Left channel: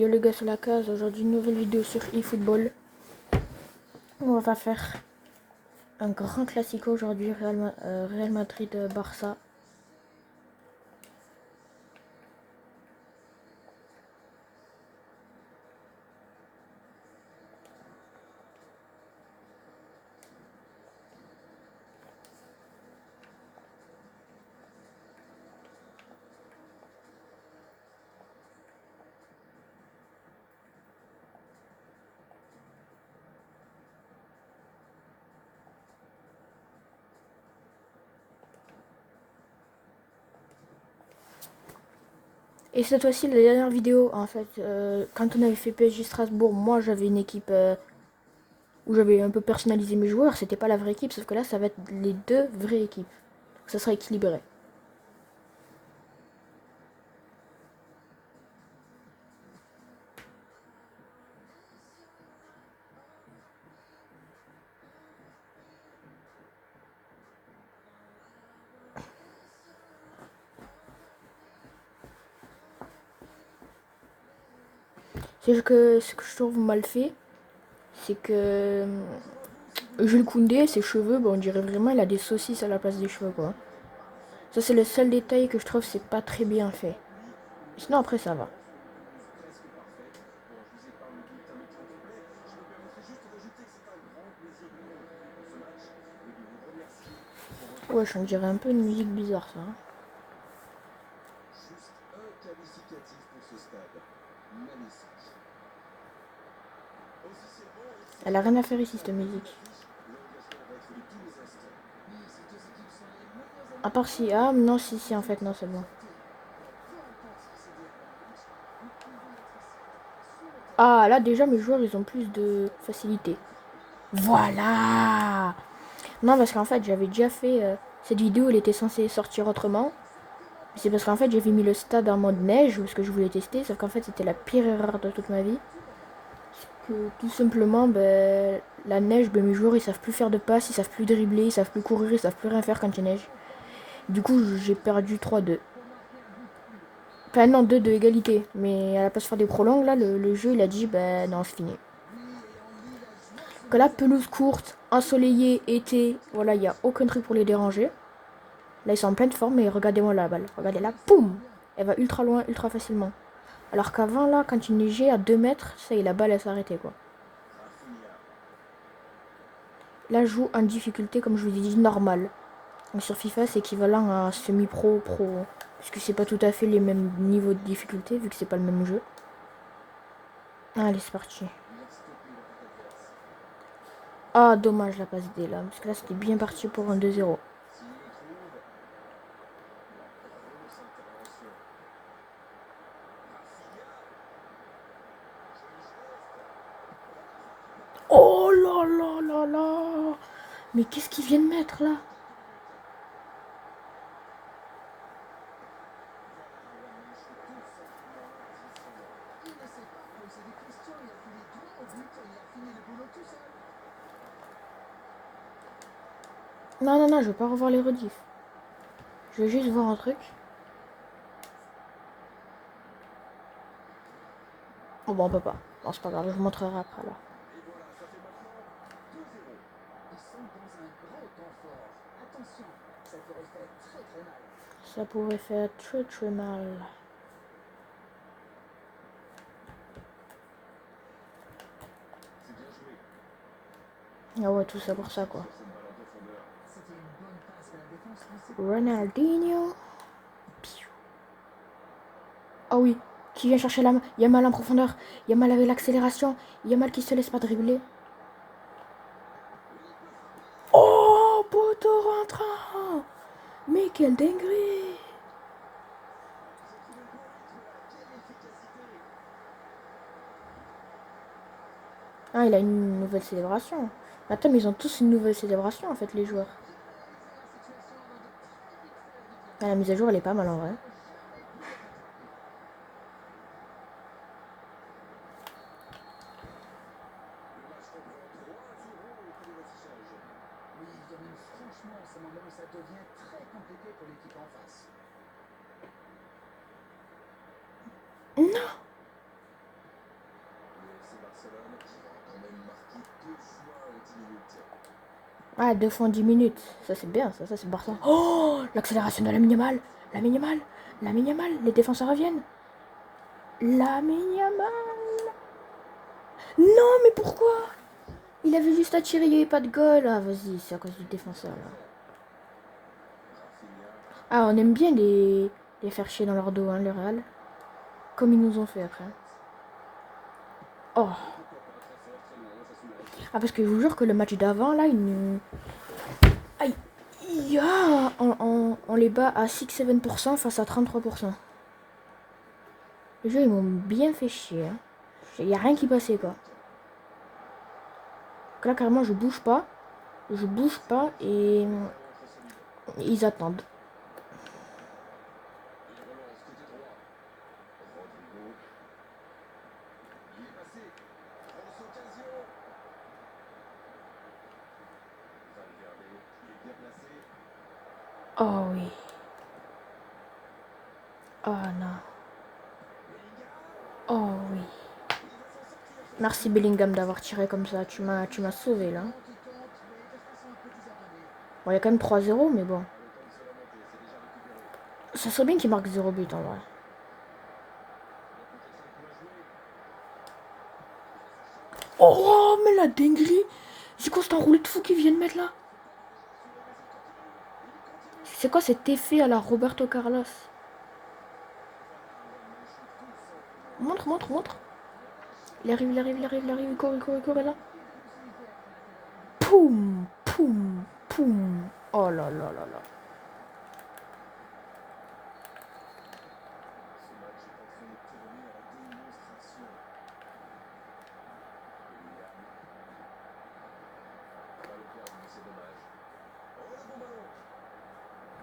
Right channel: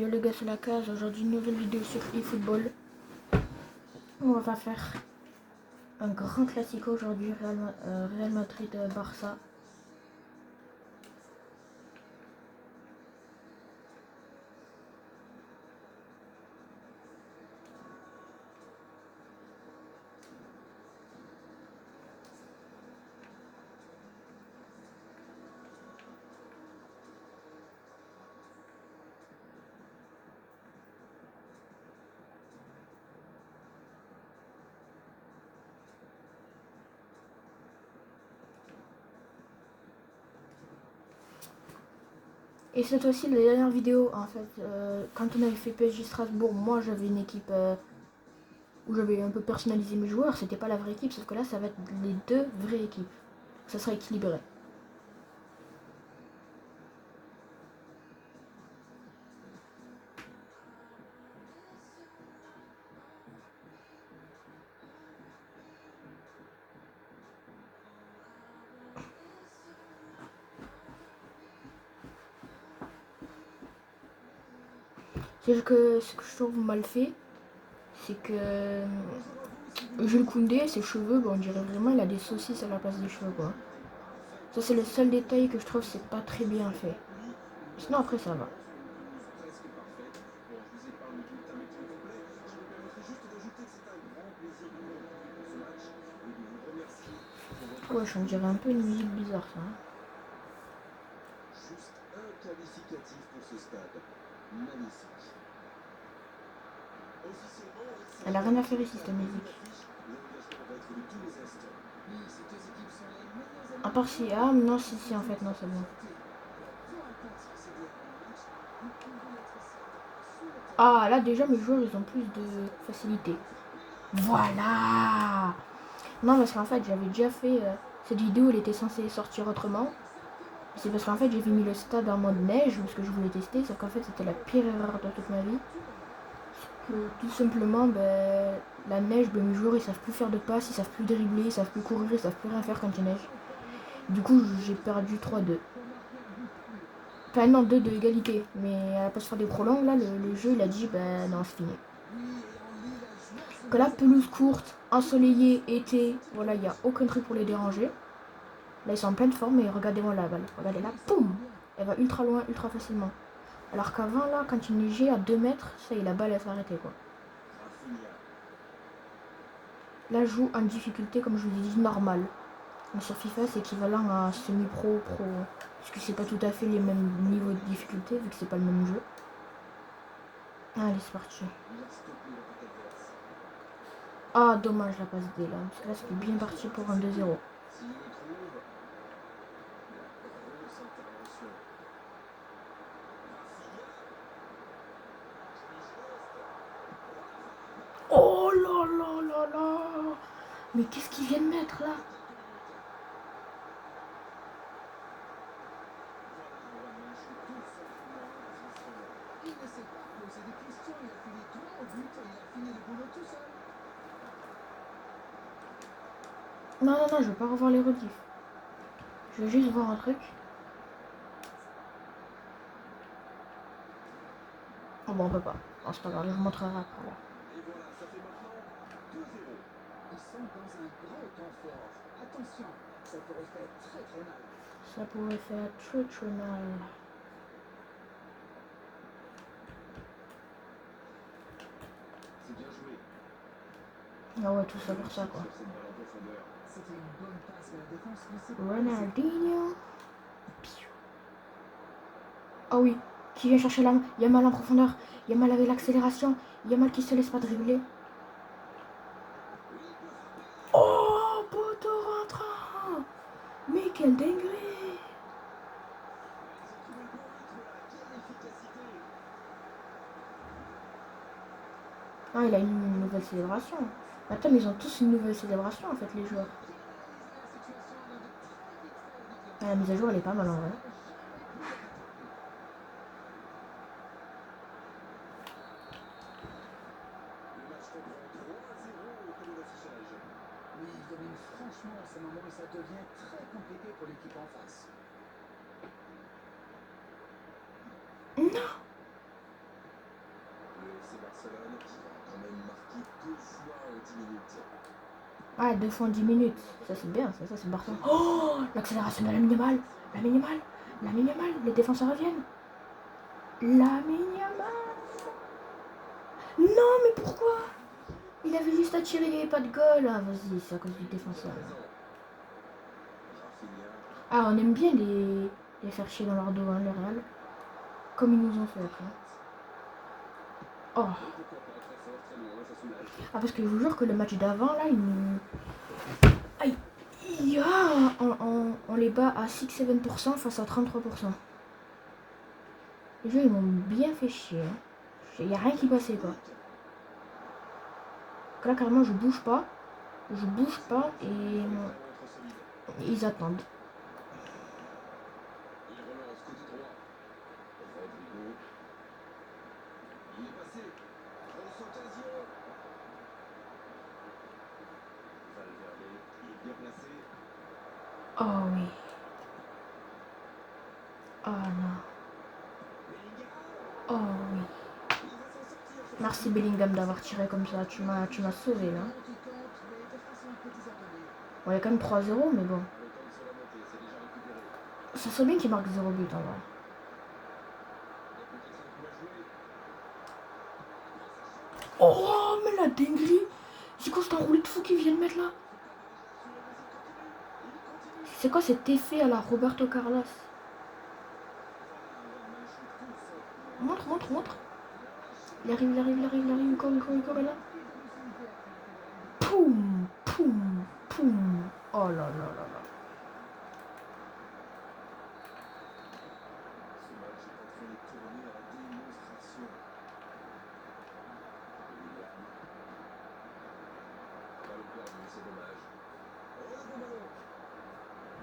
Yo les gars, c'est la case. Aujourd'hui, une nouvelle vidéo sur eFootball. On va faire un grand classico aujourd'hui, Real Madrid-Barça. Et cette fois-ci, la dernière vidéo, en fait, quand on avait fait PSG Strasbourg, moi j'avais une équipe où j'avais un peu personnalisé mes joueurs. C'était pas la vraie équipe, sauf que là, ça va être les deux vraies équipes. Ça sera équilibré. C'est que ce que je trouve mal fait, c'est que Jules Koundé, ses cheveux, bon, on dirait vraiment il a des saucisses à la place des cheveux, quoi. Ça, c'est le seul détail que je trouve c'est pas très bien fait. Sinon, après, ça va. Ouais, on dirait un peu une musique bizarre, ça. Juste un qualificatif pour ce stade. Magnifique. Elle a rien à faire ici, cette musique. À part si... Ah, non, si, en fait, non, c'est bon. Ah, là, déjà, mes joueurs, ils ont plus de facilité. Voilà. Non, parce qu'en fait, j'avais déjà fait... cette vidéo, elle était censée sortir autrement. C'est parce qu'en fait, j'avais mis le stade en mode neige, parce que je voulais tester, sauf qu'en fait, c'était la pire erreur de toute ma vie. Que tout simplement, ben, la neige, ben, mes joueurs, ils savent plus faire de passes, ils savent plus dribbler, ils savent plus courir, ils savent plus rien faire quand il neige. Du coup, j'ai perdu 3-2. Enfin, non, 2 de égalité. Mais à la place de faire des prolongs, là, le jeu, il a dit, ben non, c'est fini. Que la pelouse courte, ensoleillée, été, voilà, il n'y a aucun truc pour les déranger. Là, ils sont en pleine forme, et regardez-moi la balle. Regardez là, poum. Elle va ultra loin, ultra facilement. Alors qu'avant, là, quand il neigeait à 2 mètres, ça y est, la balle, elle s'arrêtait, quoi. Là, je joue en difficulté, comme je vous ai dit, normal. Donc sur FIFA, c'est équivalent à semi-pro, pro. Puisque c'est pas tout à fait les mêmes niveaux de difficulté, vu que c'est pas le même jeu. Allez, c'est parti. Ah, dommage la passe D là. Parce que là, c'était bien parti pour un 2-0. Oh là là là là. Mais qu'est-ce qu'il vient de mettre là? Non, non, non, je veux pas revoir les rediffs. Je veux juste voir un truc. Oh bon, on peut pas. Bon, c'est pas grave, je vous montrerai après là. Et voilà, ça fait maintenant 2-0. Ils sont dans un grand temps fort. Attention, ça pourrait faire très très mal. Ça pourrait faire très très mal. C'est bien joué. Ah ouais, tout ça pour ça quoi. Sur cette balle en profondeur. C'était une bonne passe de la défense, mais c'est Ronaldinho. Ah oui, qui vient chercher la main. Yamal en profondeur. Yamal avec l'accélération. Yamal qui se laisse pas dribbler. Oh, poteau rentrant. Mais quelle dinguerie. Ah, il a une nouvelle célébration. Attends, mais ils ont tous une nouvelle célébration en fait, les joueurs. Ah, la mise à jour, elle est pas mal en vrai. Le match reprend 3-0 au coup de l'affichage. Oui, il domine franchement en ce moment et ça devient très compliqué pour l'équipe en face. 'Non. Barcelone qui va quand même marquer 2 fois en 10 minutes. Ah, 2 fois en 10 minutes. Ça, c'est bien, ça c'est Barça. Oh, l'accélération de la minimale. La minimale. La minimale. Les défenseurs reviennent. La minimale. Non, mais pourquoi? Il avait juste à tirer, il n'y avait pas de goal. Ah, vas-y, c'est à cause du défenseur. Là. Ah, on aime bien les faire chier dans leur dos, hein, le Real. Comme ils nous ont fait après. Oh. Ah, parce que je vous jure que le match d'avant, là, ils nous... Aïe. On les bat à 6-7% face à 33%. Les jeux, ils m'ont bien fait chier. Hein. Il n'y a rien qui passait, quoi. Là, carrément, je bouge pas. Je bouge pas et ils attendent. Oh oui. Oh non. Oh oui. Merci Bellingham d'avoir tiré comme ça. Tu m'as sauvé là. Bon, il y a quand même 3-0, mais bon. Ça serait bien qu'il marque 0 but en vrai. Oh, mais la dinguerie! C'est quoi cet enroulé de fou qu'ils viennent mettre là? C'est quoi cet effet à la Roberto Carlos? Montre, montre, montre. Il arrive, il court, là. Poum, poum, poum. Oh là là là là.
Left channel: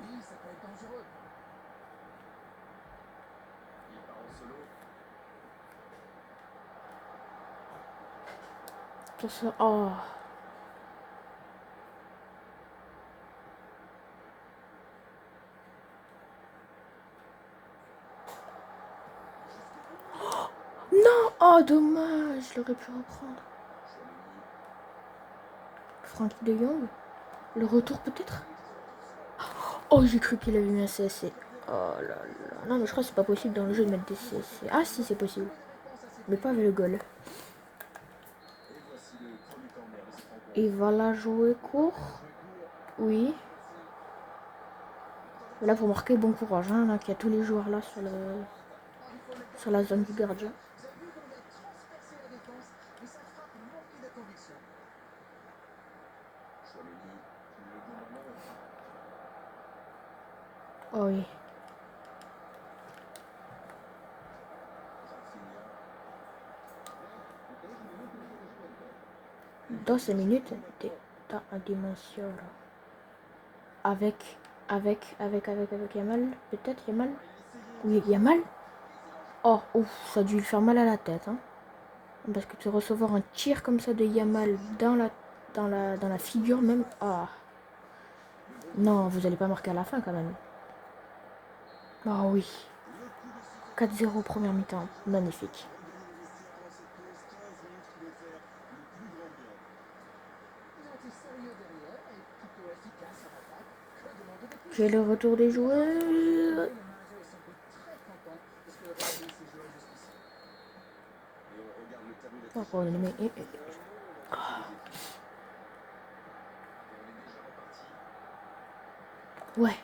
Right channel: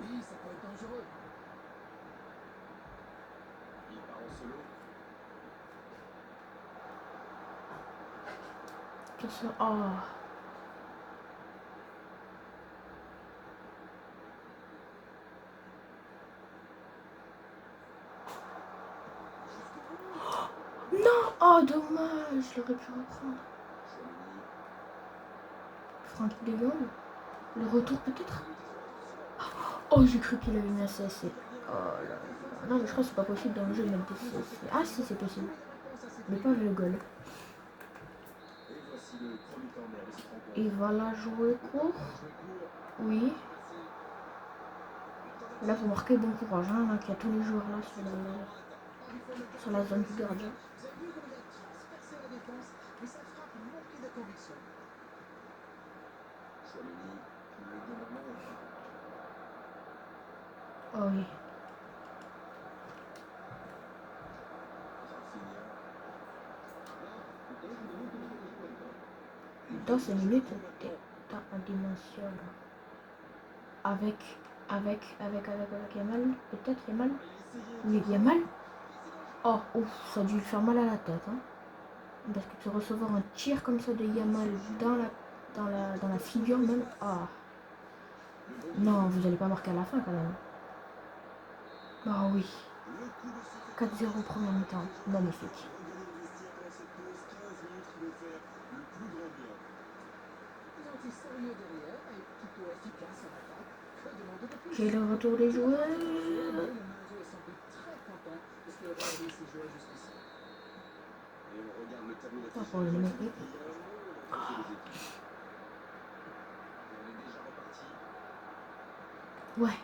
Oui, ça peut être dangereux. Il part en solo. Ça, oh. Non! Oh, dommage! Je l'aurais pu reprendre. Franck de Jong. Le retour peut-être? Oh, j'ai cru qu'il avait mis un CSC. Oh là là. Non, mais je crois que c'est pas possible dans le jeu de mettre des CSC. Ah si, c'est possible. Mais pas avec le goal. Il va la jouer court. Oui. Là, faut marquer bon courage. Hein, là, qu'il y a tous les joueurs là sur la zone du gardien. Oh oui. Dans ces minutes, t'as un dimension là. Avec Yamal. Peut-être Yamal. Oui, Yamal. Oh, ouf, ça a dû lui faire mal à la tête. Hein. Parce que de recevoir un tir comme ça de Yamal dans la figure même. Ah. Non, vous allez pas marquer à la fin quand même. Ah oui. 4-0 première mi-temps. Magnifique. J'ai le retour des joueurs. Ouais.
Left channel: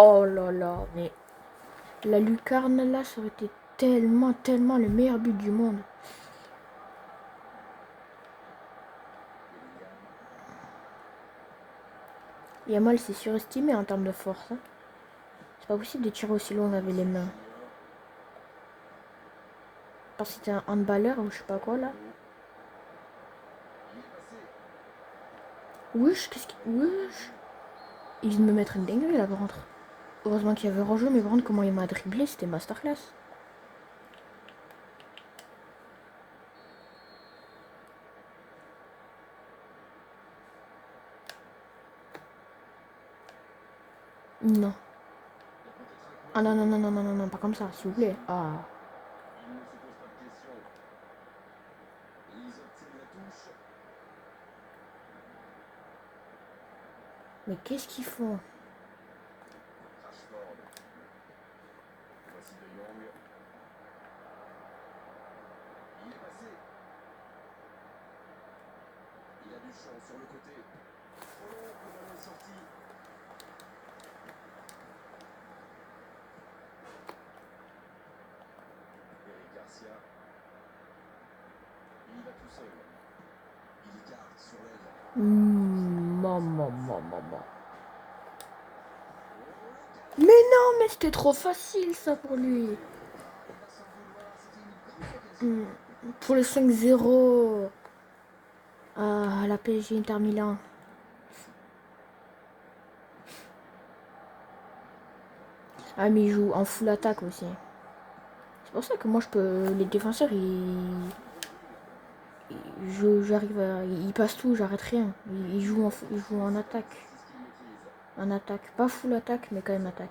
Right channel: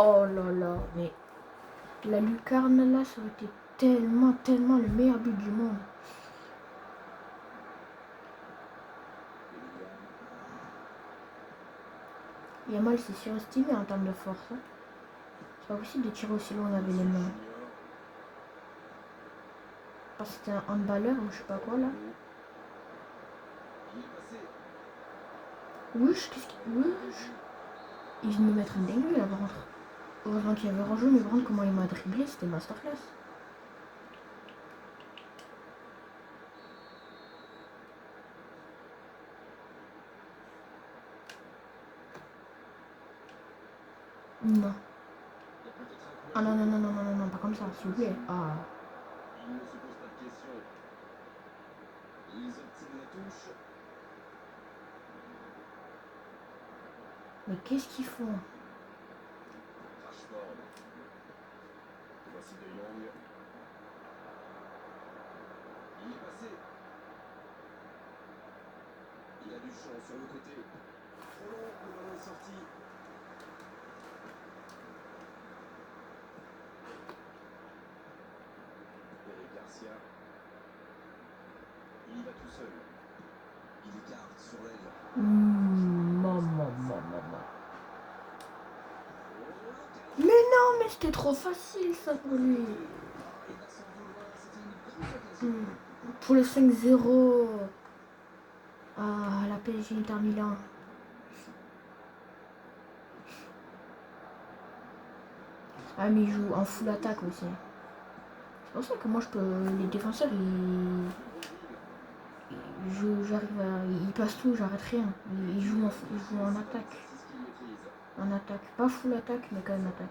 Oh là là, mais la lucarne là, ça aurait été tellement le meilleur but du monde. Yamal s'est surestimé en termes de force. Hein. C'est pas possible de tirer aussi loin avec les mains. Parce que c'était un handballeur ou je sais pas quoi là. Wesh, qu'est-ce qu'il... Wesh. Il vient de me mettre une dinguerie là par contre. Heureusement qu'il y avait rejeu, mais par contre comment il m'a dribblé, c'était masterclass. Non. Il y a peut-être un Ah coin non, non, de non, non, non, non, non, pas comme ça, s'il vous plaît. Ah. il ne se pose pas de questions. Ils obtiennent la touche. Mais qu'est-ce qu'ils font? Rashford. Voici De Jong. Il est passé. Il a du champ sur le côté. Trop long, le ballon est sorti. Eric Garcia. Il y va tout seul. Il écarte sur l'aile. Maman, maman, maman. Oh, l'occasion. Mais non, mais c'était trop facile ça pour lui. Il va s'en vouloir. C'était une grosse occasion. Pour le 5-0. Ah, la PSG Inter Milan. Ah, mais il joue en full attaque aussi. C'est pour ça que moi je peux. Les défenseurs j'arrive à. Ils passent tout, j'arrête rien. Ils jouent en attaque. En attaque. Pas full attaque, mais quand même attaque.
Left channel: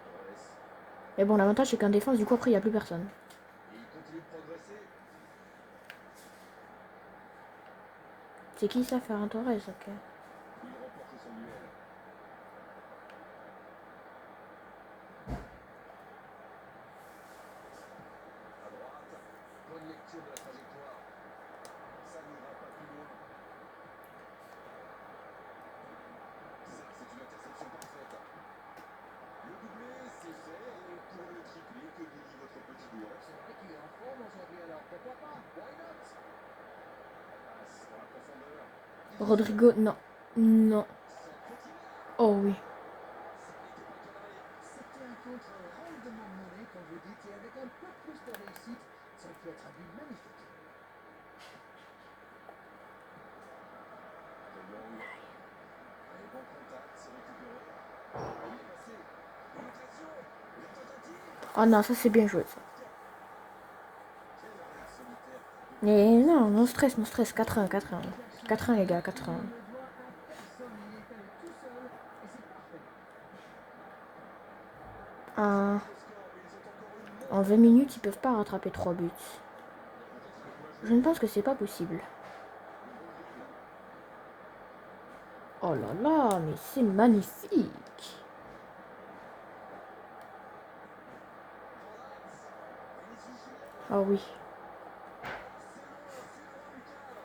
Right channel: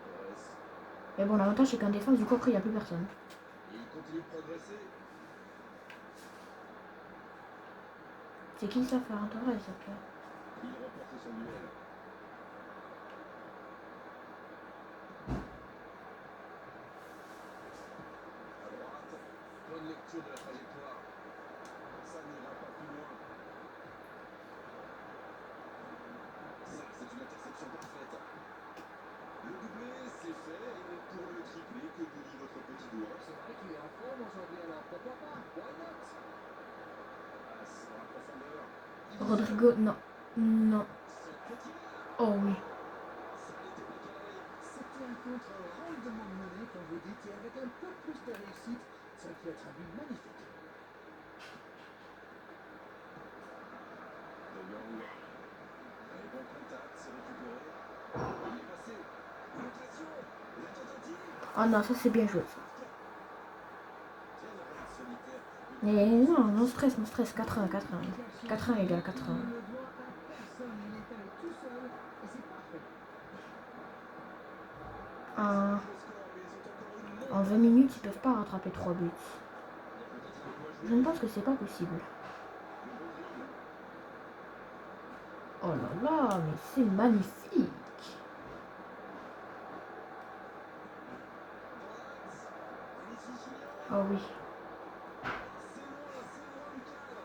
Mais bon, l'avantage c'est qu'en défense, du coup après il n'y a plus personne. Et il continue de progresser. C'est qui ça, Ferran Torres? Ok. Il remporte son duel. À droite, bonne lecture de la trajectoire. Ça n'ira pas plus loin. Ça, c'est une interception parfaite. Le doublé, c'est fait. Et pour le triplé, que vous dit votre petit doigt? C'est vrai qu'il est en forme aujourd'hui, alors pourquoi pas? Why not? Passe dans la profondeur. Rodrigo, non. Non. Son petit là. Oh oui. Ça n'était pas cadré. C'était un contre rondement mené, comme vous dites, et avec un peu plus de réussite, ça aurait pu être un but magnifique. De Jong. Allez, bon contact, c'est récupéré. Il est passé. Une occasion. La tentative. Ah non, ça c'est bien joué ça. Quel arrêt solitaire. Mais non, non stress, non stress. 4-1, 4-1. 4-1 les gars, 4-1. Il ne doit à personne, il est allé tout seul, et c'est parfait. En, Le score, mais ils ont encore une en montre. 20 minutes, ils peuvent pas rattraper 3 buts. Il y a peut-être un coup à Je jouer. ne pense que c'est pas possible. Le bon dribble. Oh là là, mais c'est magnifique. Dans l'axe. Vinicius Junior. Ah oui. C'est loin du cadre.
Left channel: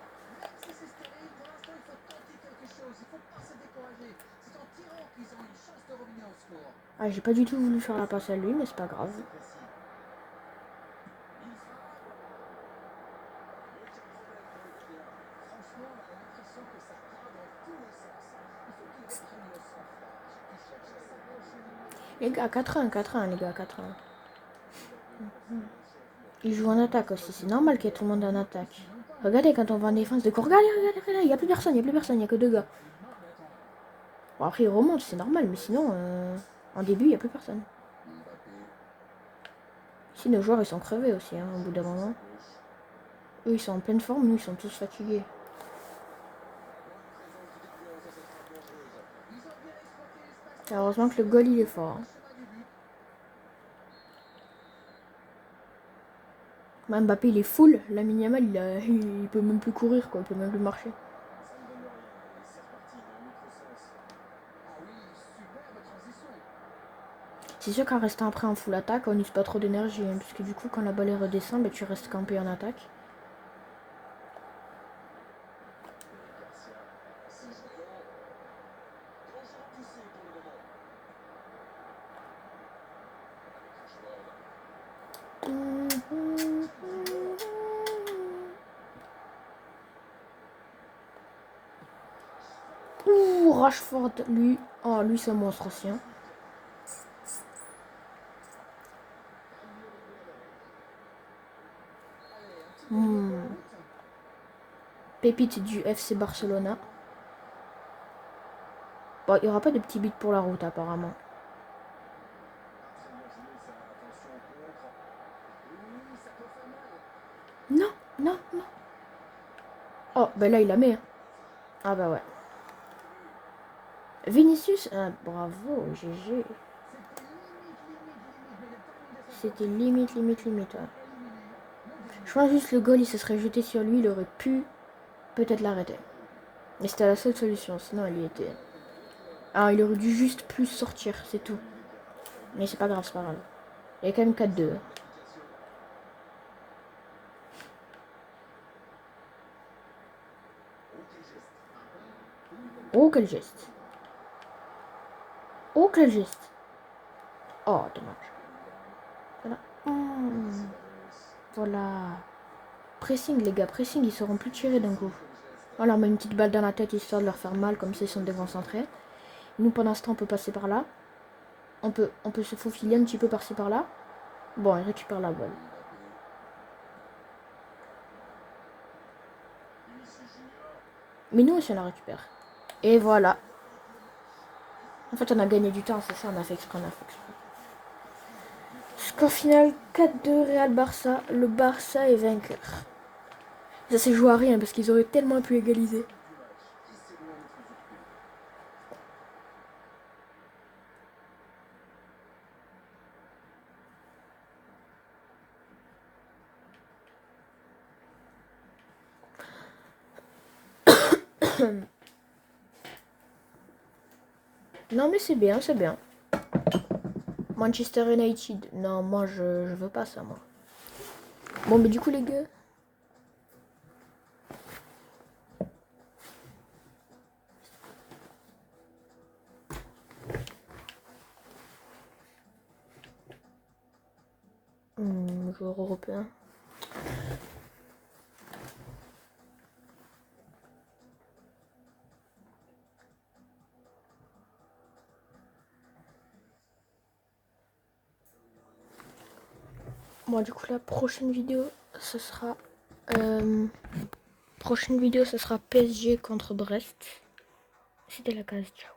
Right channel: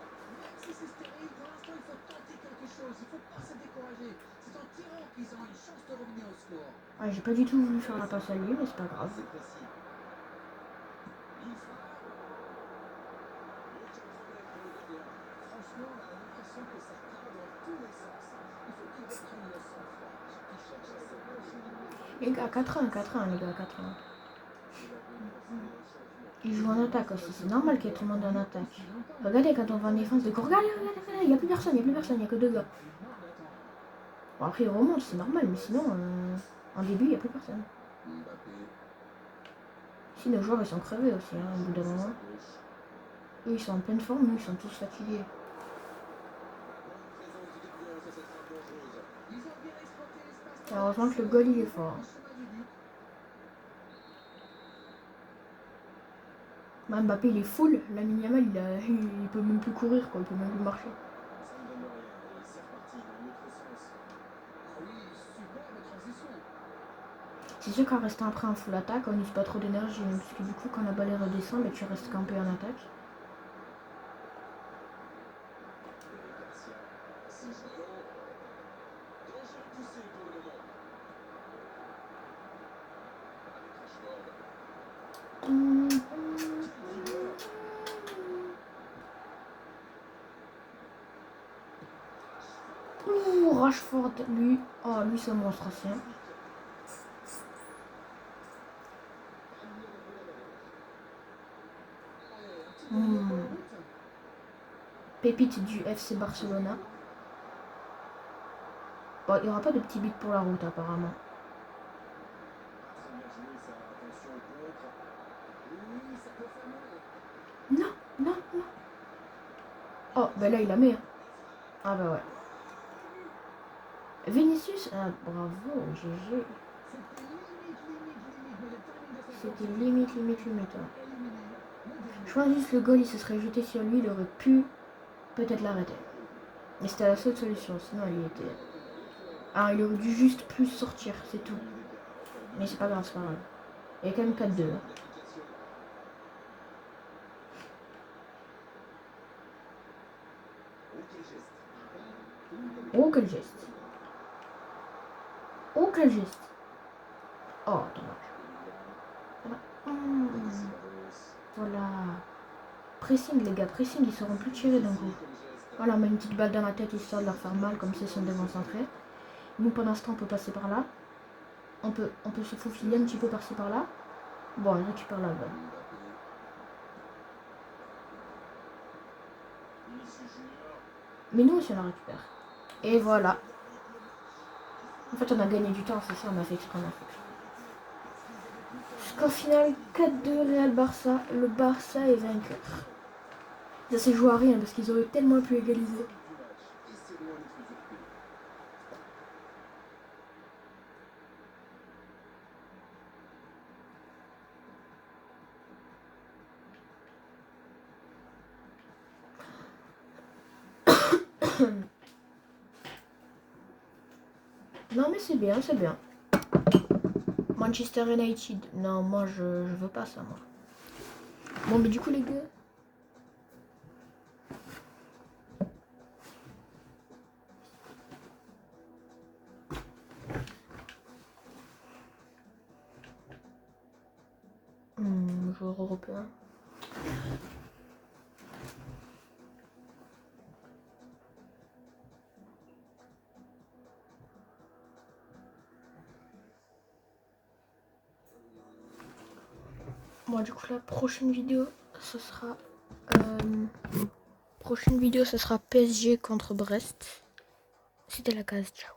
Même si c'est stérile, pour l'instant, il faut tenter quelque chose. Il ne faut pas se décourager. C'est en tirant qu'ils ont une chance de revenir au score. Ah, j'ai pas du tout voulu faire la passe à lui, mais c'est pas grave. C'est précis. Il frappe. Aucun problème pour le gardien. Franchement, on a l'impression que ça part dans tous les sens. Il faut qu'il reprenne le sang-froid. Qu'il cherche à s'accrocher. Les gars, 4-1, 4-1, les gars, 4-1. Il joue en attaque aussi, c'est normal qu'il y ait tout le monde en attaque. Regardez quand on va en défense de corps. Regardez, regardez, regardez, il n'y a plus personne, il n'y a plus personne, il n'y a que 2 gars. Bon après il remonte, c'est normal, mais sinon, en début, il n'y a plus personne. Mbappé. Si nos joueurs ils sont crevés aussi, hein, au bout d'un moment. Eux ils sont en pleine forme, nous ils sont tous fatigués. Et heureusement que le goal il est fort. Hein. Même Mbappé il est full, Lamine Yamal il peut même plus courir quoi, il peut même plus marcher. Ça ne donne rien. Et c'est reparti dans l'autre sens. Ah oui, superbe transition. C'est sûr qu'en restant après en full attaque, on n'use pas trop d'énergie, hein, parce que du coup quand la balle redescend, tu restes campé en attaque. Eric Garcia. C'est jouant. Danger repoussé pour le moment. Avec Rashford. Ouh, Rashford, lui, oh, lui c'est un monstre aussi. Hein. Pépite du FC Barcelona. Bon, il n'y aura pas de petit but pour la route apparemment. Non, non, non. Oh, ben là il la met. Ah bah ouais. Vinicius, ah, bravo, GG. c'était limite, ouais. Je pense juste le goal, il se serait jeté sur lui, il aurait pu peut-être l'arrêter. Mais c'était la seule solution, sinon il était... Ah, il aurait dû juste plus sortir, c'est tout. Mais c'est pas grave, c'est pas grave. Il y a quand même 4-2. Oh, quel geste. Oh, quel geste. Oh, dommage. Voilà. Voilà. Pressing, les gars, pressing, ils seront plus tirés d'un coup. On leur met une petite balle dans la tête histoire de leur faire mal, comme ça ils sont déconcentrés. Nous, pendant ce temps, on peut passer par là. On peut se faufiler un petit peu par-ci par-là. Bon, il récupère la balle. Mais nous aussi, on la récupère. Et voilà. En fait, on a gagné du temps, c'est ça, on a fait exprès, Score final 4-2 Real Barça. Le Barça est vainqueur. Ça s'est joué à rien parce qu'ils auraient tellement pu égaliser. Non mais c'est bien, c'est bien. Manchester United. Non, moi je veux pas ça, moi. Bon, mais du coup, les gars. Joueur européen. Bon, du coup, la prochaine vidéo, ce sera. Prochaine vidéo, ce sera PSG contre Brest. C'était la case. Ciao.